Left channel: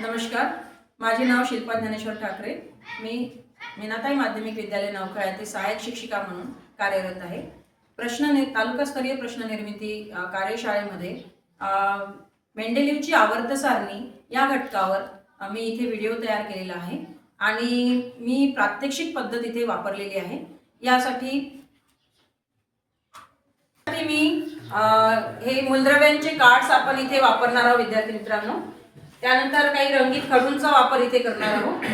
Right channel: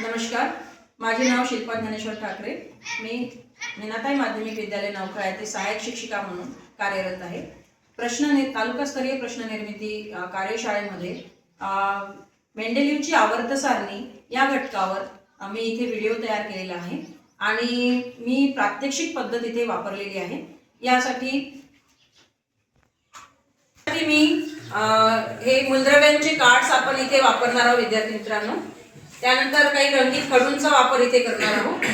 नमस्कार, माझे नाव शिल्पा ज्ञानेश्वर ठाकरे। मी मीनाताई माध्यमिक विद्यालय नौखळा येथे सहाय्यक शिक्षिका म्हणून कार्यरत आहे। तालुकास्तरीय प्रश्न निर्मिती कार्यशाळेमध्ये मेंडेलिव्हची आवर्त सारणी या घटकावर मी इथे व्हिडिओ तयार केलेला आहे आणि मी प्रात्यक्षिक पद्धत इथे वापरलेली आहे। यासाठी मी हे मूलद्रव्यांचे कार्ड्स आपण इथे वापरणार आहोत विद्यार्थी मित्रांनो। त्यानंतर काही रंगीत खडूंचा वापर इथे करणार आहोत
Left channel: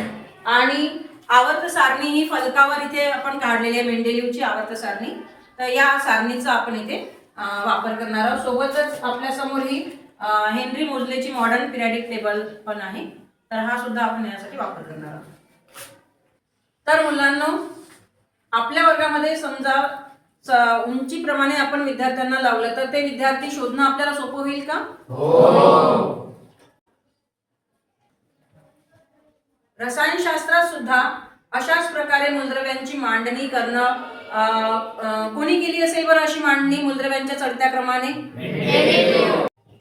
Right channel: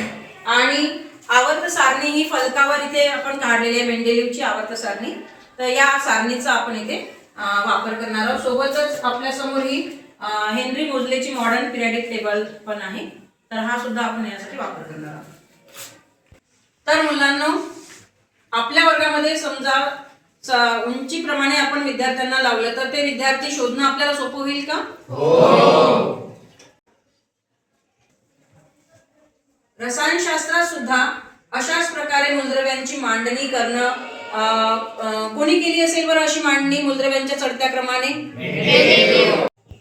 आणि आवर्त सारणी ही फलकावर इथे आपण काढलेली आहे मेंडेलिव्हची आवर्त सारणी। तर या सारणीचा आपण इथे वापर करणार आहोत। सोबतच आपल्या समोर ही हेनरी मोजलेची मॉडर्न पिरियडिक टेबल पण आहे, तर हा सुद्धा आपण यासाठी वापर करणार आहोत। तर मुलांनो, आपल्या वर्गामध्ये समजा उंचीप्रमाणे आपण विद्यार्थ्यांना लावलं तर ते विद्यार्थी शोधणं आपल्याला सोपं होईल का? हो। रसायनशास्त्रात सुद्धा अशाच प्रकारे मूलद्रव्यांची मांडणी करणं कोणी केली असेल बरं अशी मांडणी मूलद्रव्यांच्या चढत्या क्रमाने?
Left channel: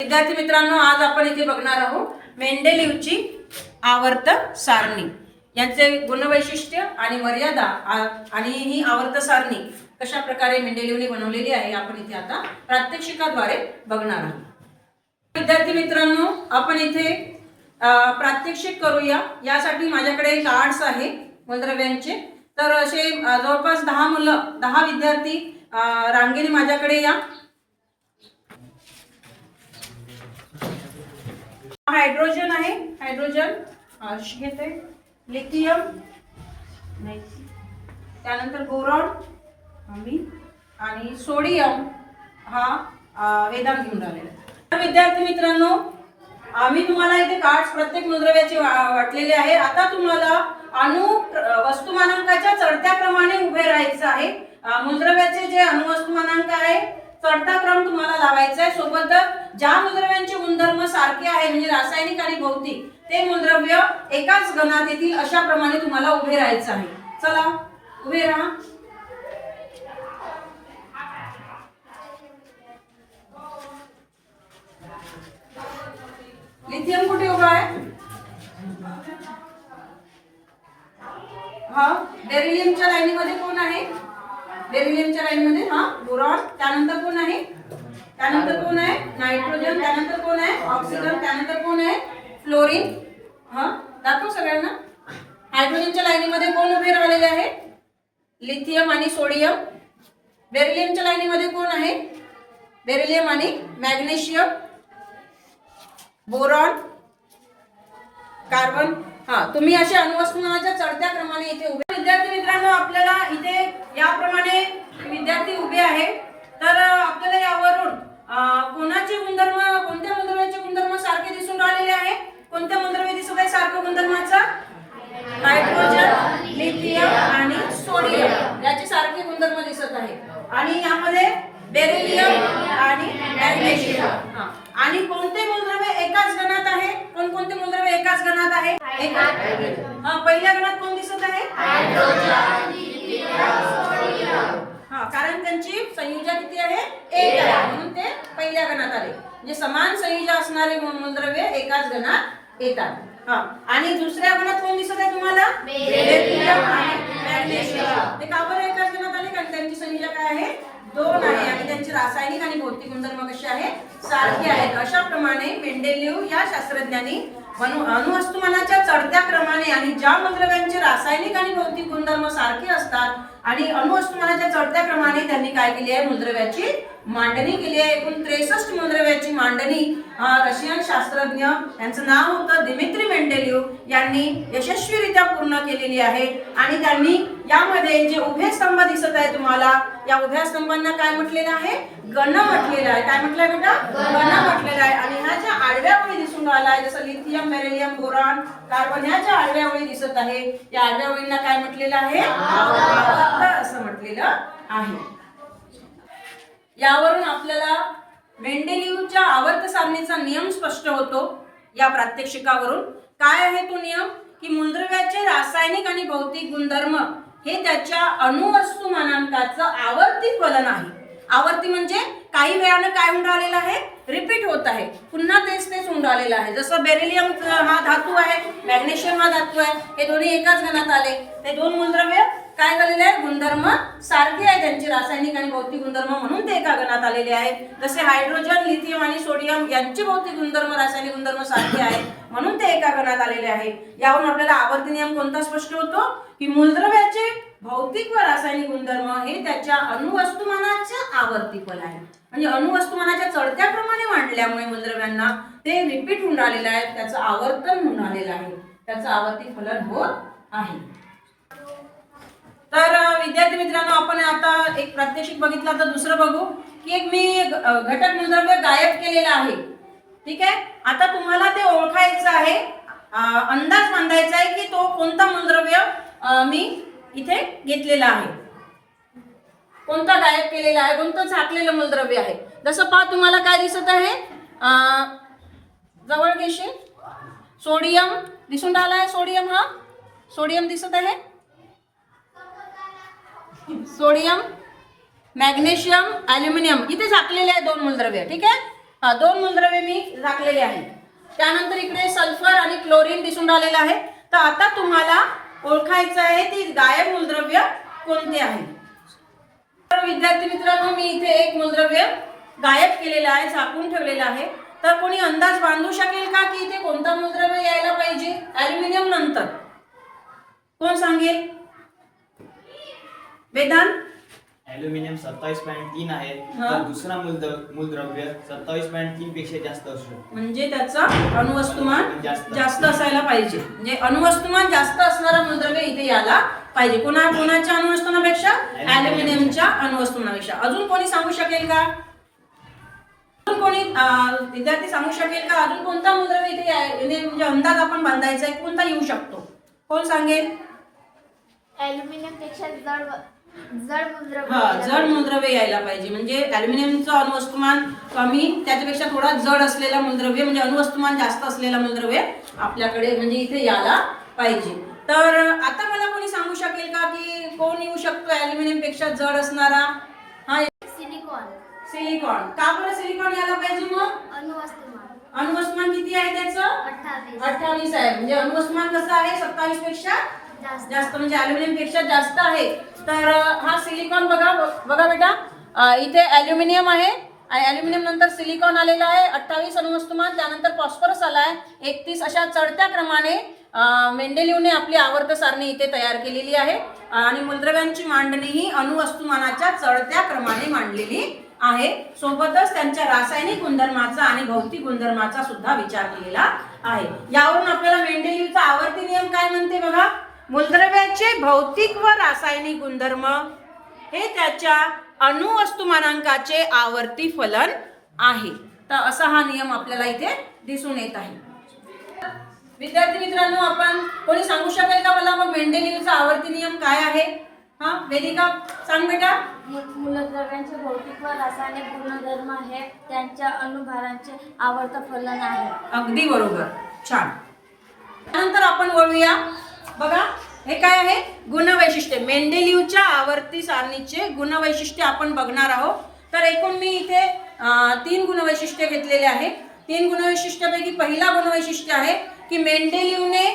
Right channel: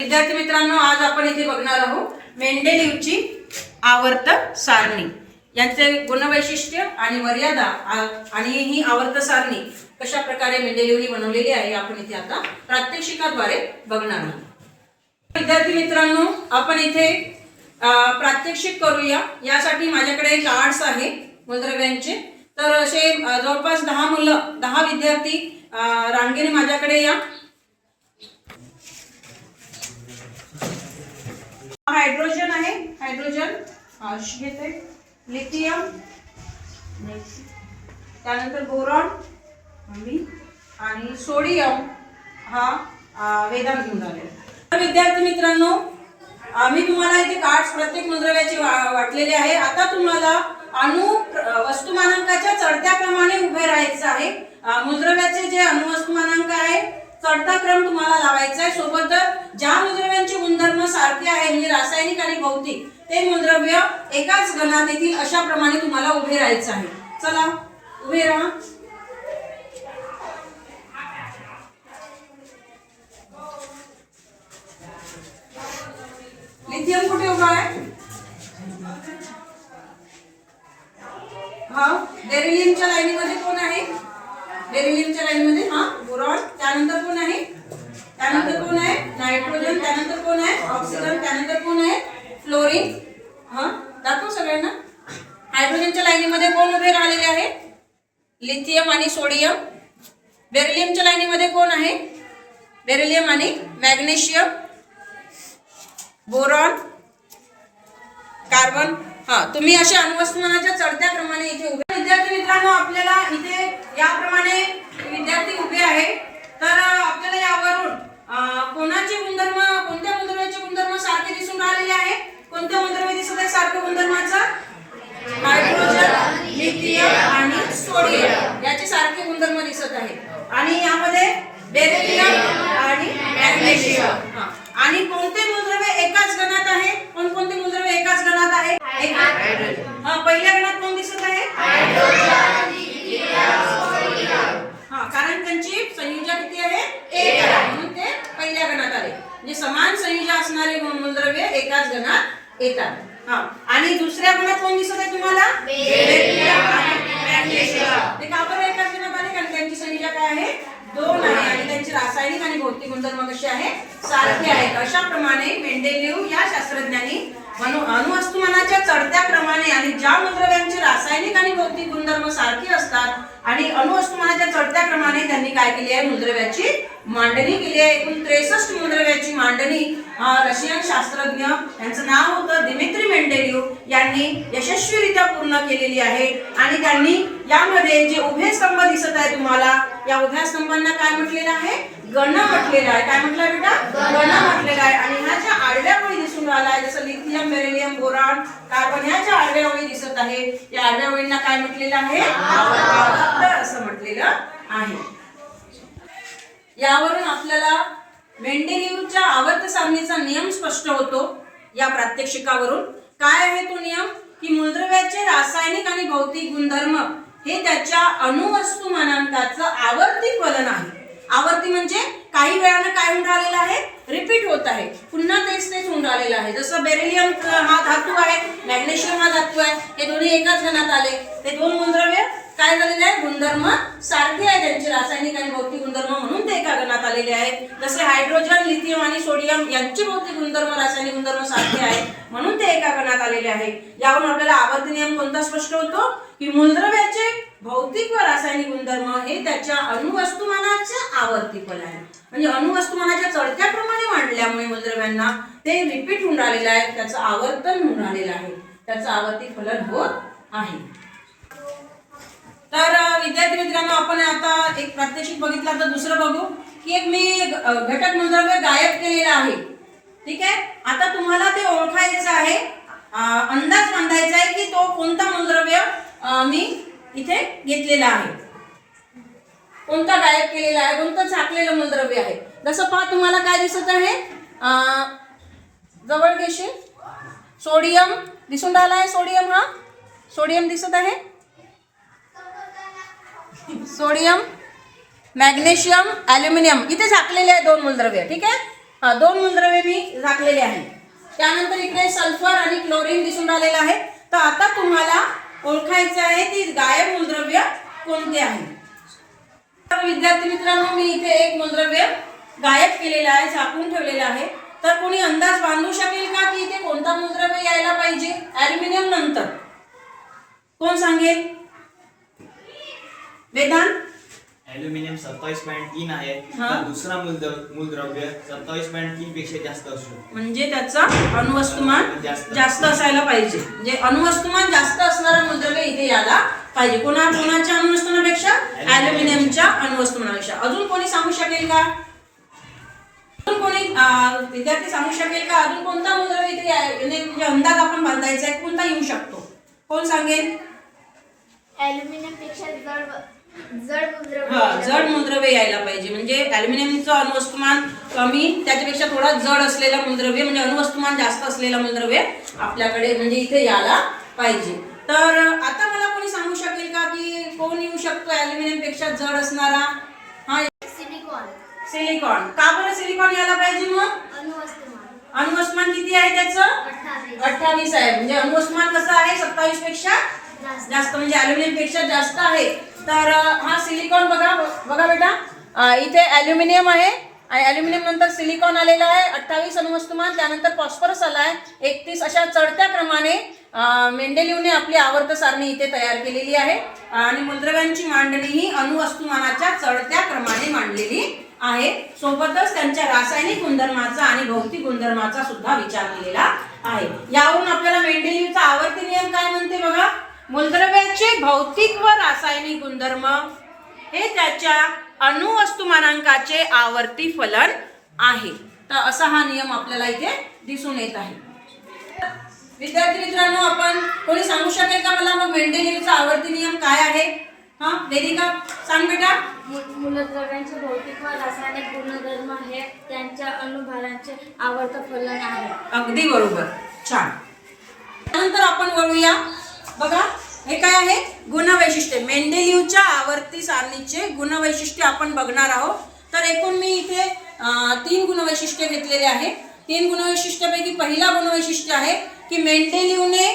विद्यार्थी मित्रांनो, आज आपण इथे बघणार आहोत मेंडेलिव्हची आवर्त सारणी, यांचे गुणवैशिष्ट्य आणि मर्यादा आणि ही आवर्त सारणी कशा प्रकारे मेंडेलिव्हने बनवलेली आहे आपण इथे आता प्रात्यक्षिकाद्वारे बघणार आहोत। विद्यार्थी मित्रांनो, आपण इथे प्रात्यक्षिक करूया। यासाठी माझ्याकडे कार्ड्स आहे मूलद्रव्यांचे। तर असे जवळपास 10 विद्यार्थी रांगेने माझ्याकडे या। हायड्रोजन आहे, हायड्रोजन घेते, लिथियम, त्यानंतर बोरॉन आणि सोडियम हा वेदांत घेऊन आले। विद्यार्थी मित्रांनो, मी तुम्हाला इथे कार्ड्स प्रत्येक मूलद्रव्याचे वाटलेले आहे। आता तुम्हाला वस्तुमानांकाच्या चढत्या क्रमाने उभे राहायचं आहे। मूलद्रव्याचे जे अणुवस्तुमानांक आहे चढता क्रम तुम्हाला लावायचा आहे। सोबतच ज्या मूलद्रव्यांचे गुणधर्म सारखे आहे म्हणजे रासायनिक आणि भौतिक ते मूलद्रव्य एकाच गणात येतील अशा प्रमाणे तुम्हाला उभे राहायचं आहे। चला उभे राहा। लिथियम कुठे उभा आहे? हा, बेरिलियमच्या लाईनीमध्ये कोण आहे? बेरिलियमच्या लाईनीमध्ये बोरॉन, त्यानंतर कोण आहे? त्यानंतर कोण आहे? नायट्रोजन, त्यानंतर कोण आहे? ऑक्सिजन, त्यानंतर कोण आहे? फ्लोरीन। दाखव सगळ्यांना। हायड्रोजनच्या लाईनीमध्ये कोण उभे राहिलेले आहे? लिथियम आणि सोडियम। बेरिलियमच्या लाईनीमध्ये कोण आहे? बेरिलियम आणि मॅग्नेशियम, बोरॉन, कार्बन। तुम्ही अशा अणुवस्तुमानाच्या चढत्या क्रमाने इथे उभे। विद्यार्थी मित्रांनो, आपल्याला इथे याप्रमाणे विद्यार्थी उभे आहे। तर आपल्याला यावरून कोणत्या मूलद्रव्याचे गुणधर्म सारखे दिसून राहिलेले आहे? कोणत्या मूलद्रव्य दिसत आहे सारखं गुणधर्माचा? हायड्रोजन, लिथियम आणि सोडियम याचे सारखे गुणधर्म दिसत आहे। आणि यामध्ये बेरिलियम आणि मॅग्नेशियम। आणि कोणते मूलद्रव्य एकाच गणात आहे? कोणते मूलद्रव्य एकाच गणात आहे? पहिल्या गणात कोण दिसत आहे? कारण त्यांची संयुजा किती आहे? 1 आहे, म्हणून ते पहिल्या गणात आले। म्हणजे समान संयुजा असणारे मूलद्रव्य एकाच गणात येतात। आणि दुसऱ्या गणात कोण दिसत आहे तुम्हाला? बेरिलियम आणि मॅग्नेशियम। ते का बरं एकाच गणात आले? कारण त्यांची संयुजा काय आहे? 2 आहे आणि त्यांचे रासायनिक आणि भौतिक गुणधर्म कसे आहे? सारखे आहेत। अशा प्रमाणे मेंडेलिव्ह या शास्त्रज्ञांनी अणुवस्तुमानाच्या चढत्या क्रमाने आणि ज्या मूलद्रव्यांचे रासायनिक आणि भौतिक गुणधर्म सारखे असतात आणि अणुवस्तुमानाच्या चढत्या क्रमाने त्यांनी काय केली आहे? मूलद्रव्याची मांडणी केली आहे। एकूण 63 मूलद्रव्याची मांडणी रशियन शास्त्रज्ञ, यांचं नाव होतं दिमित्री मेंडेलिव्ह, यांनी यशस्वीरित्या पूर्ण केलेली आहे। आणि त्यांनी यामध्ये जे उभे स्तंभ दिसत आहे तुम्हाला, या उभ्या स्तंभांना काय म्हटलेलं आहे? गण म्हटलेलं आहे। काय म्हटलंय बेटा? गण म्हटलेलं आहे। आणि ह्या ज्या आडव्या ओळी दिसून राहिल्या आहे, जसं लिथियम, बेरिलियम, बोरॉन, कार्बन, ह्या ज्या आडव्या ओळी दिसत आहे, या आडव्या ओळींना काय म्हटलेलं आहे? आवर्त असं म्हटलेलं आहे। यावरून आपल्याला मेंडेलिव्हच्या आवर्त सारणीचा नियम स्पष्ट होतो। या प्रात्यक्षिकावरून काय आहे तो नियम? की मूलद्रव्याचे रासायनिक आणि भौतिक गुणधर्म हे त्याच्या अणुवस्तुमानांकाचं आवर्ती फलन आहे। आवर्ती म्हणजे काही वेळानं काय होऊन राहिलेलं आहे, रिपीट होत आहे, पुन्हा तेच होऊन राहिलेलं आहे. जसं बेरिलियम हा धातू आहे, मॅग्नेशियम हा धातू आहे, हे दोन्ही एकाच गणात आले. ते दोन मूलद्रव्य काय झालेले आहे, गुणधर्म सारखे आहे त्यांचे, रासायनिक आणि भौतिक गुणधर्म, म्हणून ते एका गणात आलेले आहेत. जसे हायड्रोजन, लिथियम आणि सोडियम यांची भौतिक गुणधर्म, रासायनिक गुणधर्म सारखे आहेत, म्हणून ते एका गणात आलेले आहेत. यावरून आपल्याला आवर्ती नियम कोणता स्पष्ट होतो की मूलद्रव्याचे भौतिक व रासायनिक गुणधर्म हे त्याच्या अणुवस्तुमानाच्या आवर्ती फल आहे. म्हणजे अणुवस्तुमानाच्या चढत्या क्रमाने मांडल्यामुळे मूलद्रव्यांना ते रिपीट होऊन राहिलेलं आहे, त्याचं आवर्तन होऊन राहिलेलं आहे, त्याचं आवर्ती फलन होत आहे. तर विद्यार्थी मित्रांनो, आपण आता एक प्रात्यक्षिक बघितलं, तर दुसरं बघू की एक मी घटक मूलद्रव्य गायब केलेलं आहे. ठीक आहे, आता तुम्हाला ते ओळखायचं आहे, अंदाज बांधायचा आहे की तो कोणता मूलद्रव्य मी इथे घेतलेला आहे, कोणता गायब केलेला आहे, कोणतं झाकलेलं मूलद्रव्य आहे. जसं पहा, तुम्हाला काय दिसत आहे, जवळ घेशील, सोडियम दिसून राहिला आहे, सोडियम, हा सोडियम दिसत आहे, सोडियम, मॅग्नेशियम, ॲल्युमिनियम इथे झाकलेले आहे दोन मूलद्रव्य. ठीक आहे, हा दोन मूलद्रव्य मी झाकलेले आहे. त्यानंतर इकडे सल्फर आणि क्लोरीन दिसून राहिलेलं आहे. तर आता तुम्हाला ओळखायचं आहे की गायब मूलद्रव्य कोणते आहे. तर विद्यार्थी मित्रांनो, मी इथे एक मूलद्रव्य गायब केलेलं आहे, झाकून ठेवलेलं आहे. तर कोणी अंदाज बांधू शकेल का की इथे कोणता मूलद्रव्य यायला पाहिजे ॲल्युमिनियम नंतर? कोण सांगेल? वेदांत? ॲल्युमिनियम 27.3 आहे, तर दुसरा मूलद्रव्य 27.3 पेक्षा जास्त असू शकतो. म्हणजे त्याचं अणुवस्तुमान जास्त असायला पाहिजे. म्हणजे अणुवस्तुमान जास्त असणारं मूलद्रव्य इथे यायला पाहिजे. कोणाच्या अणुवस्तुमानापेक्षा? ॲल्युमिनियमच्या अणुवस्तुमानापेक्षा. अजून कोणी सांगू शकेल का? अजून कोणी विद्यार्थी सांगू शकेल का अजून कोणता मूलद्रव्य इथे म्हणजे अंदाज आपण बांधायचा आहे, कोणता येऊ शकतो? कोण सांगेल? ॲल्युमिनियम पेक्षा जड मूलद्रव्य यायला पाहिजे. म्हणजे ॲल्युमिनियमचं अणुवस्तुमान कमी, त्याच्यापेक्षा थोडा जड असलेला मूलद्रव्य म्हणजे अणुवस्तुमान जास्त असलेला मूलद्रव्य आपल्याकडे म्हणजे इथे यायला पाहिजे. तर आता मला कोणी सांगू शकेल का की कोण येऊ शकतो ॲल्युमिनियम पेक्षा जड असणारा? हा, सिलिकॉन. का बरं सिलिकॉन यायला पाहिजे? मग अणुवस्तुमान किती आहे त्याचं? 28 आहे. म्हणजे अणुवस्तुमान कसं आहे? 27 पेक्षा जास्त, म्हणजे ॲल्युमिनियम पेक्षा जास्त आहे. तर हा सिलिकॉन बघा बेटा, इथे ॲल्युमिनियम आहे आणि ॲल्युमिनियम नंतर सिलिकॉन आलेला आहे, 28 अणुवस्तुमान. त्यानंतर फॉस्फरस आला आहे 31. अशा चढत्या क्रमाने मेंडेलिव्हने आपली आवर्त सारणी इथे तयार केलेली आहे. आणि मूलद्रव्यांची मांडणी ही अणुवस्तुमानाच्या चढत्या क्रमाने मांडलेली आहे. सोबतच त्यांच्या रासायनिक गुणधर्माचा आणि भौतिक गुणधर्माचा सुद्धा विचार केलेला आहे. यावरून आपल्याला मेंडेलिव्हचा आवर्ती नियम काय म्हणते बघा, मूलद्रव्याचे भौतिक व रासायनिक गुणधर्म हे त्याच्या अणुवस्तुमानांकाचे आवर्ती फलन आहे. तर असा हा नियम आपल्याला इथे दिसून येत आहे. विद्यार्थी मित्रांनो, आपण कोणी सांगू शकेल का मला मग मेंडेलिव्हचा आवर्ती नियम काय आहे? हा, वेदिका सांग बेटा. मूलद्रव्यांचे भौतिक व रासायनिक गुणधर्म हे त्यांच्या अणुभारांचे आवर्त फलन आहे. अगदी बरोबर, छान. त्यानंतर आपण वळूया. बघा, हे काय आहे? गुणवैशिष्ट्ये. मेंडेलिव्हच्या आवर्ती सारणीचे गुणवैशिष्ट्य आपण बघणार आहोत. तर एकूण मी इथे 3 गुणवैशिष्ट्य घेतलेले आहे. 3 गुणवैशिष्ट्यापैकी पहिला गुणवैशिष्ट्य आहे की मेंडेलिव्हने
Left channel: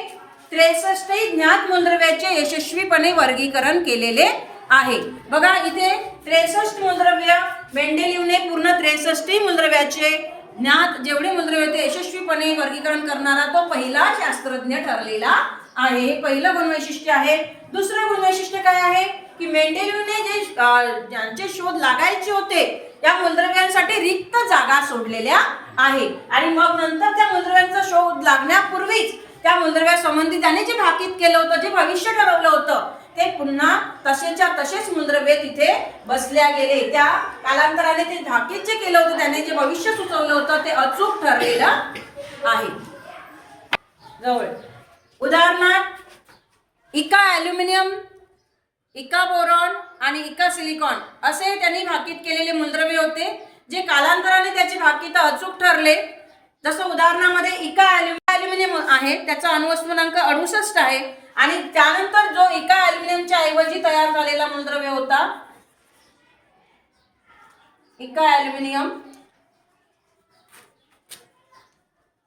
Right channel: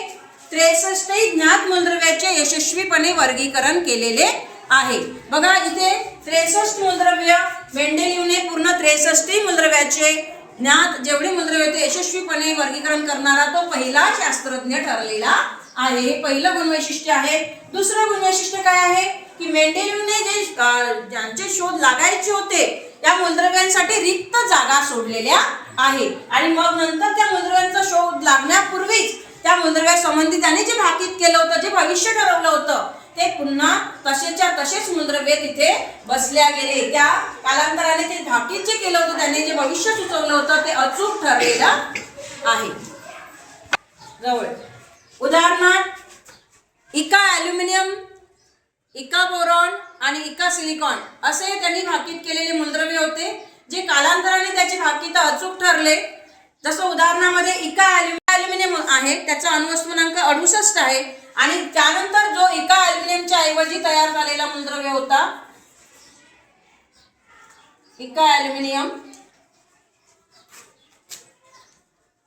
63 ज्ञात मूलद्रव्याचे यशस्वीपणे वर्गीकरण केलेले आहे. बघा, इथे 63 मूलद्रव्य, मेंडेलिव्हने पूर्ण 63 मूलद्रव्याचे ज्ञात जेवढे मूलद्रव्य होते यशस्वीपणे वर्गीकरण करणारा तो पहिला शास्त्रज्ञ ठरलेला आहे. हे पहिलं गुणवैशिष्ट्य आहे. दुसरं गुणवैशिष्ट्य काय आहे की मेंडेलिव्हने ज्यांचे शोध लागायचे होते या मूलद्रव्यांसाठी रिक्त जागा सोडलेल्या आहे. आणि मग नंतर त्या मूलद्रव्यांचा शोध लागण्यापूर्वीच त्या मूलद्रव्यासंबंधी त्याने जे भाकीत केलं होतं, जे भविष्य ठरवलं होतं, ते पुन्हा तसेच्या तसेच मूलद्रव्य तिथे बसल्या गेले. त्या कालांतराने ते भाकीत जे केलं होतं, त्याने जे भविष्य सुचवलं होतं, ते अचूक ठरलेलं आहे. जवळ उदाहरणार्थ इका ॲल्युमिनियम, इका बोरॉन आणि इका सिलिकॉन असे त्यांनी भाकीत केलेले मूलद्रव्य होते, जे कालांतराने त्याचे भाकीत अचूक ठरले. जसं उदाहरणामध्ये इका ॲल्युमिनियम आहे, त्याचा अणुवस्तुमानांक 68 आहे. आणि त्यानंतर जो इका ॲल्युमिनियमच्या ऐवजी तयार झालेला मूलद्रव्य होता, इका ॲल्युमिनियम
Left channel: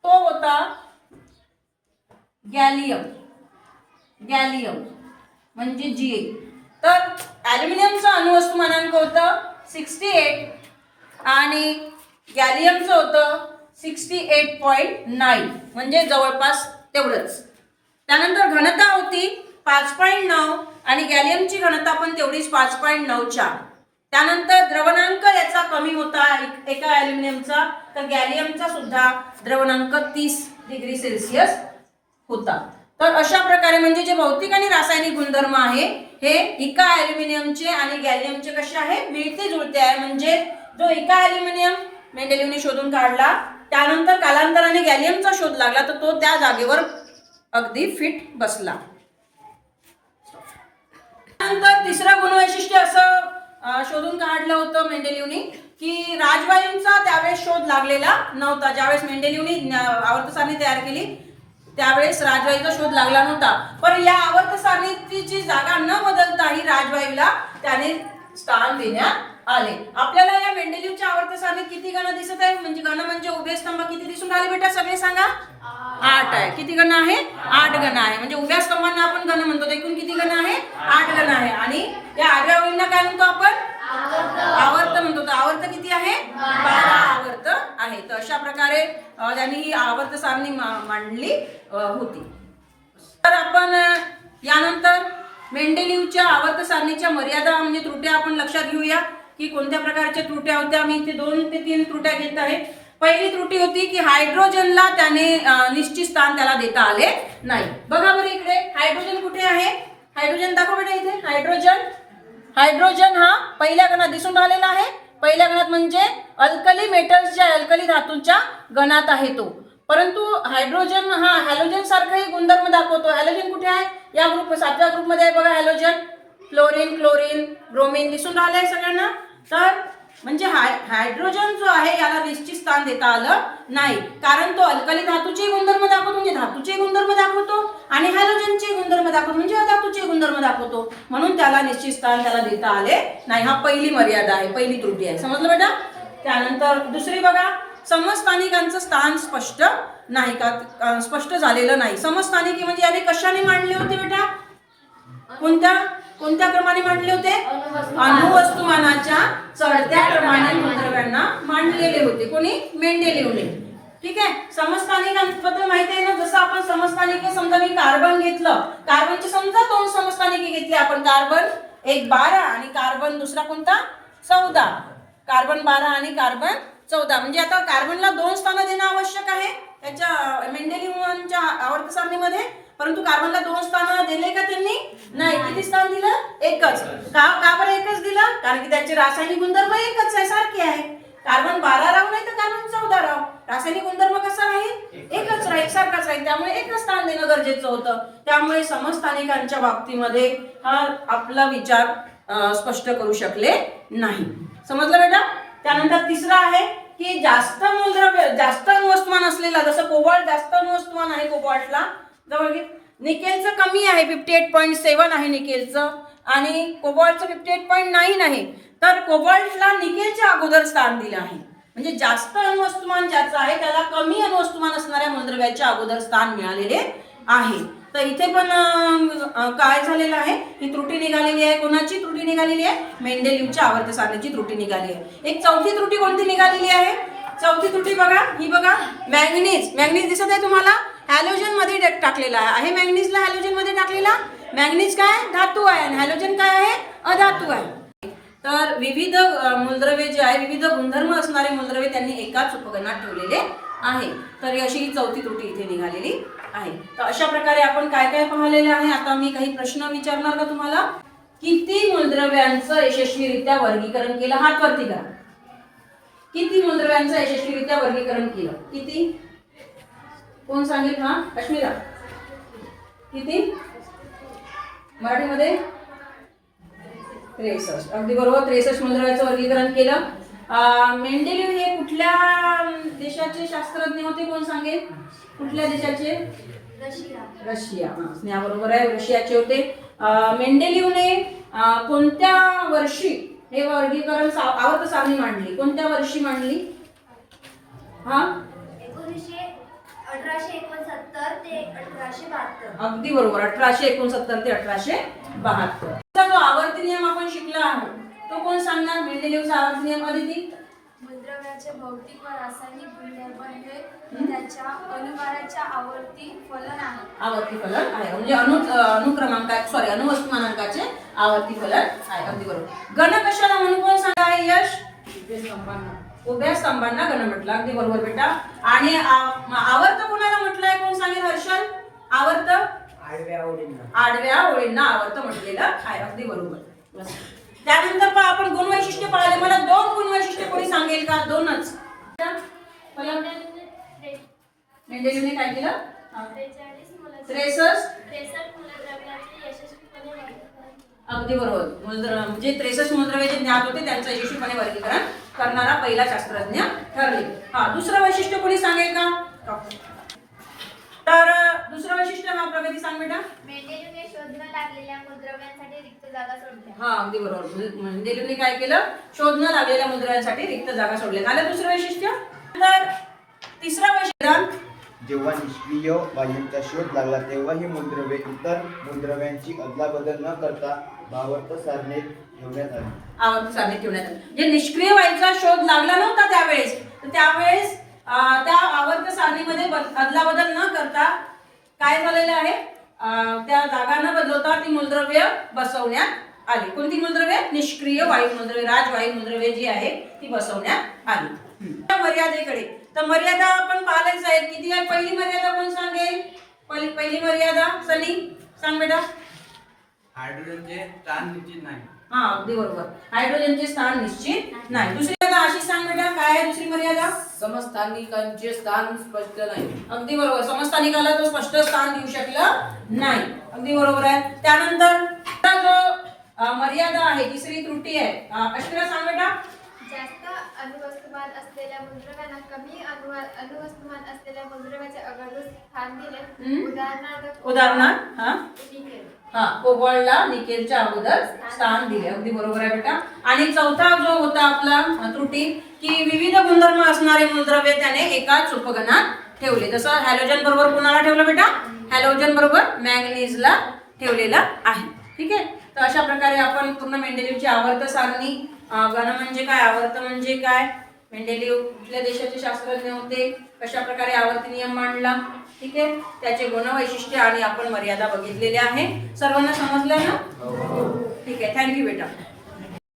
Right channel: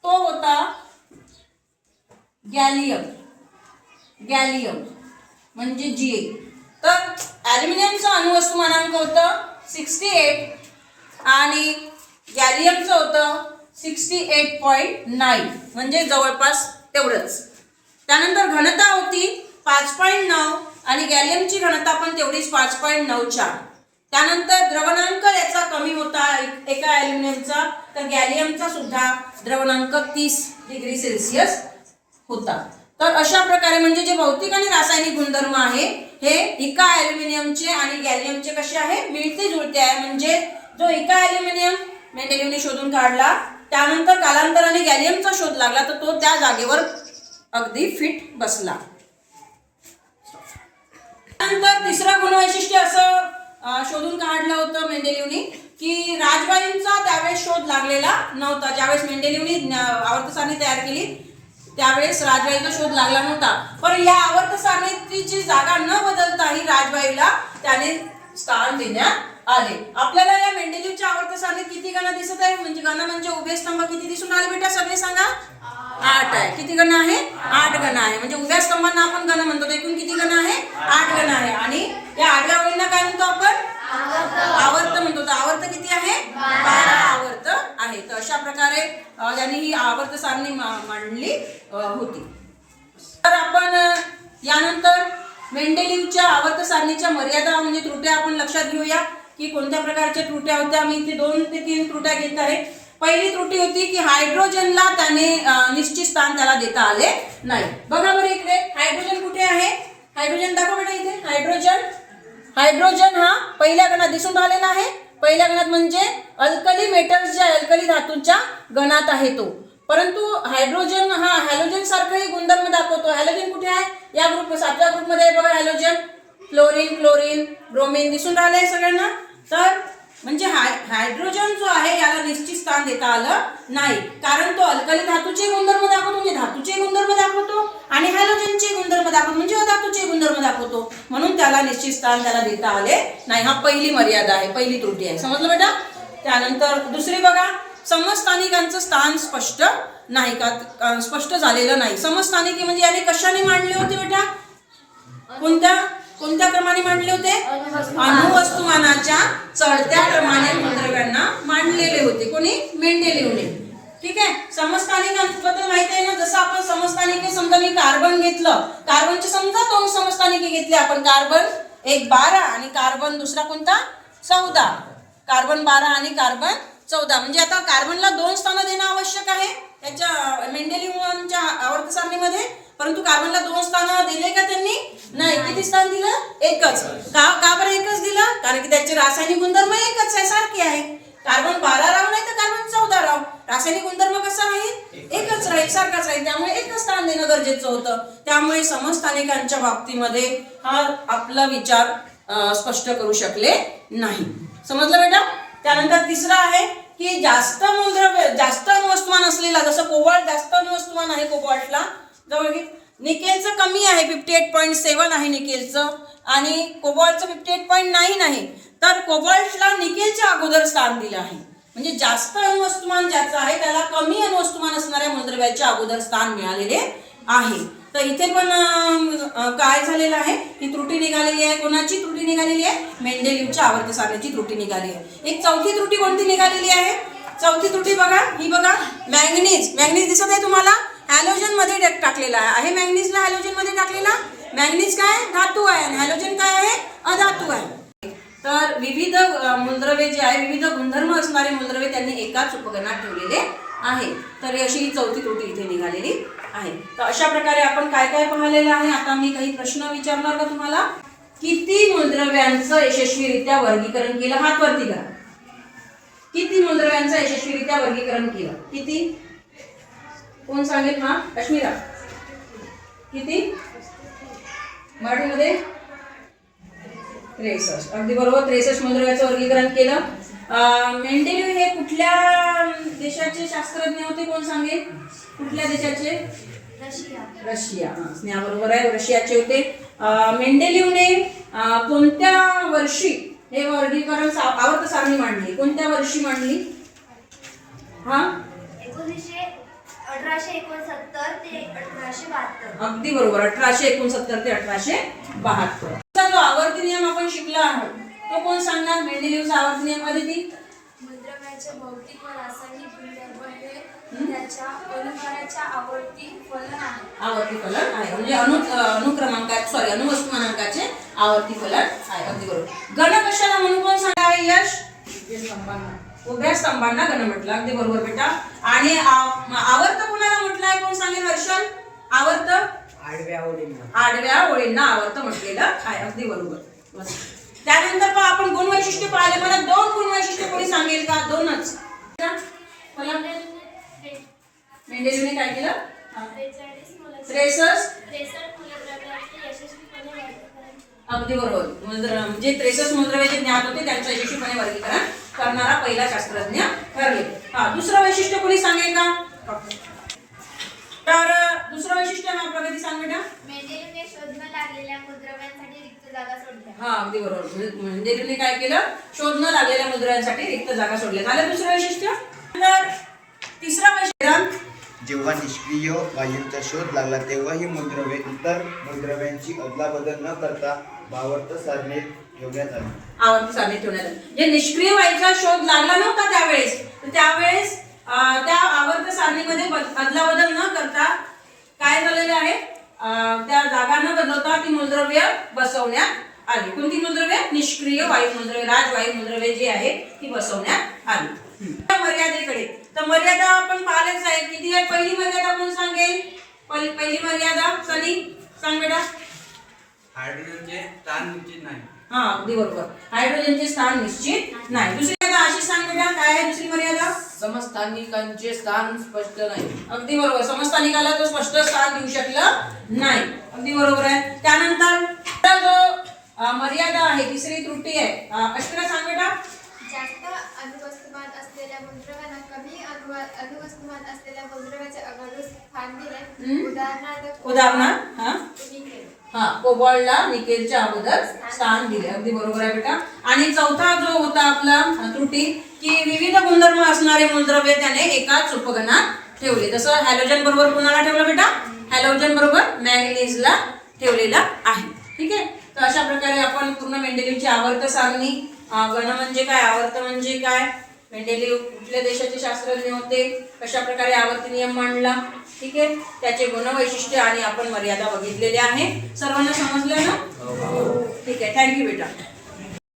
तो होता गॅलियम म्हणजे Ga. तर ॲल्युमिनियमचं अणुवस्तुमानांक होतं 68 आणि गॅलियमचं होतं 68.9 म्हणजे जवळपास तेवढंच. त्यानंतर घनता होती 5.9 आणि गॅलियमची घनता पण तेवढीच 5.94. त्यानंतर द्रवणांक याचा कमी होता एका ॲल्युमिनियमचा, तर गॅलियमचा सुद्धा द्रवणांक 30 डिग्री सेल्सिअस होता. तर अशा प्रकारे म्हणजे जे भौतिक आणि रासायनिक गुणधर्म आहे हे इका ॲल्युमिनियमचे आणि गॅलियमचे कसे आहे, मिळते जुळते आहे. म्हणजे जो इका ॲल्युमिनियम मेंडेलिव्हने शोधून काढला, त्यानंतर कालांतराने गॅलियमचा शोध लागला, तर तो त्या जागेवर अगदी फिट बसला. त्यानंतर तिसरं गुणवैशिष्ट्य असं शोधून काढलं होतं मेंडेलिव्हने की राजवायूंचा त्यावेळेस शोध लागलेला नव्हता. ज्यावेळेस मेंडेलिव्हने आवर्त सारणी तयार केली त्यावेळेस राजवायूचा शोध लागला नव्हता. पण या आवर्त सारणीची जागा न बदलता ही राजवायूला त्याने स्थान देण्यात आले. आपल्याला या मेंडेलिव्हच्या आवर्त सारणीत किती गण दिसत आहे, म्हणजे गण म्हणजे उभे स्तंभ किती दिसून आले बेटा, सगळे सांगा. 8 आहे. किती गण आहे? 8 गण आहे. म्हणजे उभ्या स्तंभांना आपण गण म्हणतो. एकूण किती गण आहे? 8 गण आहे. आणि या 8व्या गणांना काय म्हणतो आपण? आवर्त म्हणतो. तर आवर्त किती आहे? 12 आवर्त आहे. तर अशा प्रकारे त्यांनी ही आवर्त सारणी मांडली होती. तर आपण यानंतर मेंडेलिव्हच्या आवर्त सारणीच्या मर्यादा म्हणजे त्रुट्या आपण लक्षात घेऊया की कोणत्या प्रकारच्या त्रुट्या होत्या. मी इथे 2 ते 3 त्रुट्या घेत आहे. पहिली त्रुटी होती की हायड्रोजनला त्याने निश्चित स्थान त्याला देता आले नाही. बघा बरं इकडे हायड्रोजन कुठे आहे? हायड्रोजन दाखवा बेटा इथे. हायड्रोजन हा पहिल्या गणात दिसून राहिलेला आहे. पहिल्या गणात म्हणजे अल्कली मेटल्सच्या अल्कली धातूंच्या गणात आहे तो. परंतु हायड्रोजन हा हॅलोजन सारखाही गुणधर्म दाखवतो. हॅलोजन कुठे आहे? या ग्रुप 7व्या ग्रुपमध्ये आहे बघा हॅलोजन. फ्लोरीन, क्लोरीन, ब्रोमीन दिसून राहिले आहे सगळ्यांना. तर म्हणजे हायड्रोजन जो आहे याला निश्चित स्थान देता आलं नाही, कारण तो अल्कली धातूचे गुणधर्म दाखवतो म्हणजे धातूचे गुणधर्म दाखवतो आणि हॅलोजनचे गुणधर्म दाखवतो म्हणजे अधातूचे गुणधर्म दाखवतो. म्हणून त्याला निश्चित स्थान त्याला देता आले नाही. हा पहिली मर्यादा आहे, पहिली त्रुटी आहे. समजलं बेटा? त्यानंतर दुसरी बघा, समस्थानिकांचं स्थान स्पष्ट नाही का, स्पष्ट झालेलं नाही. समस्थानिके म्हणजे याने कशाने मांडले होते बेटा? कोणत्या क्रमाने मांडले होते? अणुवस्तुमानाच्या चढत्या क्रमाने मूलद्रव्यांना मांडलेले होते. कोणी? मेंडेलिव्हने. ठीक आहे. समस्थानिकांबद्दल माहिती आहे ना. जसं आपण समस्थानिके, समजा मी कार्बन घेतलं, कार्बनचे समजा 2 समस्थानिके घेतली आपण. कार्बन एक 12 आणि कार्बन दुसरा कोणता? 14. कार्बन 12 आणि कार्बन 14. म्हणजे आता कार्बनला 2 स्थानं देणं आवश्यक आहे त्याच्या मेंडेलिव्हच्या आवर्त सारणीमध्ये. परंतु कार्बनला 2 स्थानं दिले का त्यांनी? नाही. किती स्थान दिलं? एकच. का बरं एकच दिलं? कारण की त्याचे रासायनिक गुणधर्म एकच आहे, सारखे आहे. कार्बन 12 राहू नाही तर कार्बन 14 राहू, रासायनिक गुणधर्म कसा राहील? एकच राहील, सारखाच राहील. त्यामुळे एकच स्थान देणं गरजेचं होतं. त्यामुळे समस्थानिकांच्या बाबतीमध्ये हा आपला विचार स्पष्ट करू शकले नाही. समजलं बेटा? त्यानंतर तिसरा आहे की जास्त मूलद्रव्य, जास्त अणुवस्तुमान असलेला, जसं कोबाल्ट जास्त अणुवस्तुमान आहे कोबाल्टला जवळ घे. निकेलचं कमी आहे, 58.7 आहे निकेलचं आणि कोबाल्टचं 58.9 आहे. तर कोबाल्टला निकेलच्या अगोदर स्थान दिलं आहे. म्हणजे जास्त अणुवस्तुमान ज्याचं आहे त्याला कमी अणुवस्तुमान असणाऱ्या मूलद्रव्याच्या अगोदर स्थान मिळालेले आहे. तर इथे पण काय झालेलं आहे? ही त्रुटी निघालेली आहे. कोणाची त्रुटी निघालेली आहे? मेंडेलिव्हच्या आवर्त सारणीची त्रुटी निघाली आहे. एक चौथी त्रुटी कोणती निघालेली आहे? चौथी त्रुटी बघा, ही बघा, मॅंगनीज दिसत आहे तुम्हाला? हॅलोजन मध्ये टाकलेला आहे. मॅंगनीजला हॅलोजन मध्ये टाकलेला. मॅंगनीज काय? धातू आहे आणि हॅलोजन काय आहे? अधातू आहे. तर विविध मूलद्रव्ये जे आहे, विविध गुणधर्म असणारे मूलद्रव्ये त्यांनी एकाच उपगणात ठेवलेले आहे. तर अशी ही चौथी त्रुटी इथे निघालेली आहे. तर अशा प्रकारे आपण काय काय पाहिलेलं आहे. आता मी काही प्रश्न विचारणार का तुम्हाला? किती मूलद्रव्यांचं यशस्वीरित्या वर्गीकरण केलं? हात वरती करा. किती मूलद्रव्यांचं यशस्वीरित्या वर्गीकरण केलं? किती? कोण सांगेल? हा, अश्मिरा. किती? मराठीमध्ये 63. अगदी बरोबर, 63 मूलद्रव्याचं वर्गीकरण केलं. मेंडेलिव्ह हे कुठल्या देशाचे शास्त्रज्ञ होते? कोण सांगेल? कुठल्या देशाचे? रशिया. स्नेहा बरोबर आहे, रशियाचे होते. मेंडेलिव्हने कोणत्या वर्षी हे वर्गीकरण आवर्त सारणी मांडली. कोणत्या वर्षी मांडली? हा 1869 ते 1872. अगदी बरोबर. 1869 ते 1872. जो आवर्ती नियम आपण शिकला आहोत तो कोण सांगणार? मेंडेलिव्हचा आवर्ती नियम अदिती. मूलद्रव्याचे भौतिक व रासायनिक गुणधर्म हे त्याच्या अनुभाराच्या आवर्ती फलन आहे. आवर्ती फलन आहे म्हणजे अणुवस्तुमानांकाचे आवर्ती फलन आहे. अगदी बरोबर. गण कशाला म्हणून कोण सांगा आहे? यश उभ्या स्तंभांना गण म्हटलं. अगदी बरोबर बेटा. आणि आवर्त कोणाला म्हटलं आहे? कोण सांगेल? हर्षल. आवर्त आडव्या ओळींना आवर्त म्हटलेलं आहे. अगदी बरोबर. त्यानंतर पण आपण गुण वैशिष्ट्य पाहिले. मला 2 गुण वैशिष्ट्य कोणी सांगेल का? 2च. मेंडेलिव्हने काय केलं? 63 अगदी बरोबर. म्हणजे 63 मूलद्रव्याचे ज्ञात होते त्यांचं यशस्वीपणे वर्गीकरण करणारा पहिला शास्त्रज्ञ ठरले. हा दुसरं वैशिष्ट्य कोणी सांगेल का? तर दुसरं वैशिष्ट्य हा प्रगती सांग बेटा. मेंडेलिव्हने शोध न लागलेल्या मूलद्रव्यांसाठी रिक्त जागा सोडल्या. हा अगदी बरोबर. मेंडेलिव्हने काय केलं? शोध न लागलेल्या मूलद्रव्यांसाठी रिक्त जागा सोडल्या. झालं दुसरं वैशिष्ट्य. तर तिसरं वैशिष्ट्य, जेव्हा निष्क्रिय वायूंचा शोध लागला तेव्हा ही मूलद्रव्ये इतर मूलद्रव्यांची अदलाबदल न करता आवर्त सारणीत ठेवण्यात आली. आवर्त सारणीत ठेवण्यात आली. जे निष्क्रिय वायूचा शोध लागला नव्हता त्यावेळेस, तर त्यावेळेस त्या आवर्त सारणीमध्ये अदलाबदल न करता काय झालेलं आहे? त्या जागा न बदलता ती मूलद्रव्य बसवण्यात आली. कोणती मूलद्रव्ये? निष्क्रिय वायू मूलद्रव्ये, राजवायू मूलद्रव्ये जी आहे ती बसवण्यात आली. मर्यादेकडे. तर मर्यादा आपण पाहिलेच आहे. किती आहे? पहिली मर्यादा कोण सांगेल? पहिली मर्यादा सनी सांग बेटा. हायड्रोजनचे स्थान निश्चित नाही. हा अगदी बरोबर. हायड्रोजनचे स्थान निश्चित नाही. दुसरी मर्यादा आशिष सांग बेटा. काय आहे दुसरी मर्यादा? समस्थानिकांचे स्थान स्पष्ट नाही. अगदी बरोबर. समस्थानिकाला तो स्पष्ट स्थान देऊ शकलं नाही. अगदी बरोबर आहे. त्यानंतर जो मर्यादा आहे, तिसरी त्रुटी आहे, अश्विना सांग बेटा. जास्त अणुवस्तुमान असलेल्या मूलद्रव्यांना कमी अणुवस्तुमान असलेल्या मूलद्रव्याचे अगाधून स्थान दिले. उदाहरणार्थ निकेल. कोबाल्टला निकेलच्या अगोदर स्थान दिले. अगदी बरोबर आहे बेटा. आणि चौथा जो होता आपला त्रुटी, की विविध गुणधर्म असणारे मूलद्रव्य त्याने एकाच उपगणात ठेवले. जसं हॅलोजन बरोबर कोणाला ठेवलं बेटा? हॅलोजन बरोबर मॅंगनीजला ठेवलेला आहे. ठीक आहे. तर अशा प्रकारे आपण पूर्ण मेंडेलिव्हची आवर्त सारणी, गण म्हणजे काय, आवर्त म्हणजे काय, मेंडेलिव्ह कुठल्या देशाचे शास्त्रज्ञ होते, कशा प्रकारे आवर्ती नियम मांडला, ठीक आहे, त्याचे गुण वैशिष्ट्य आणि आपण मर्यादा बघितलेल्या आहे. सर्वांना समजलं ना? ठीक आहे. थँक्यू बेटा.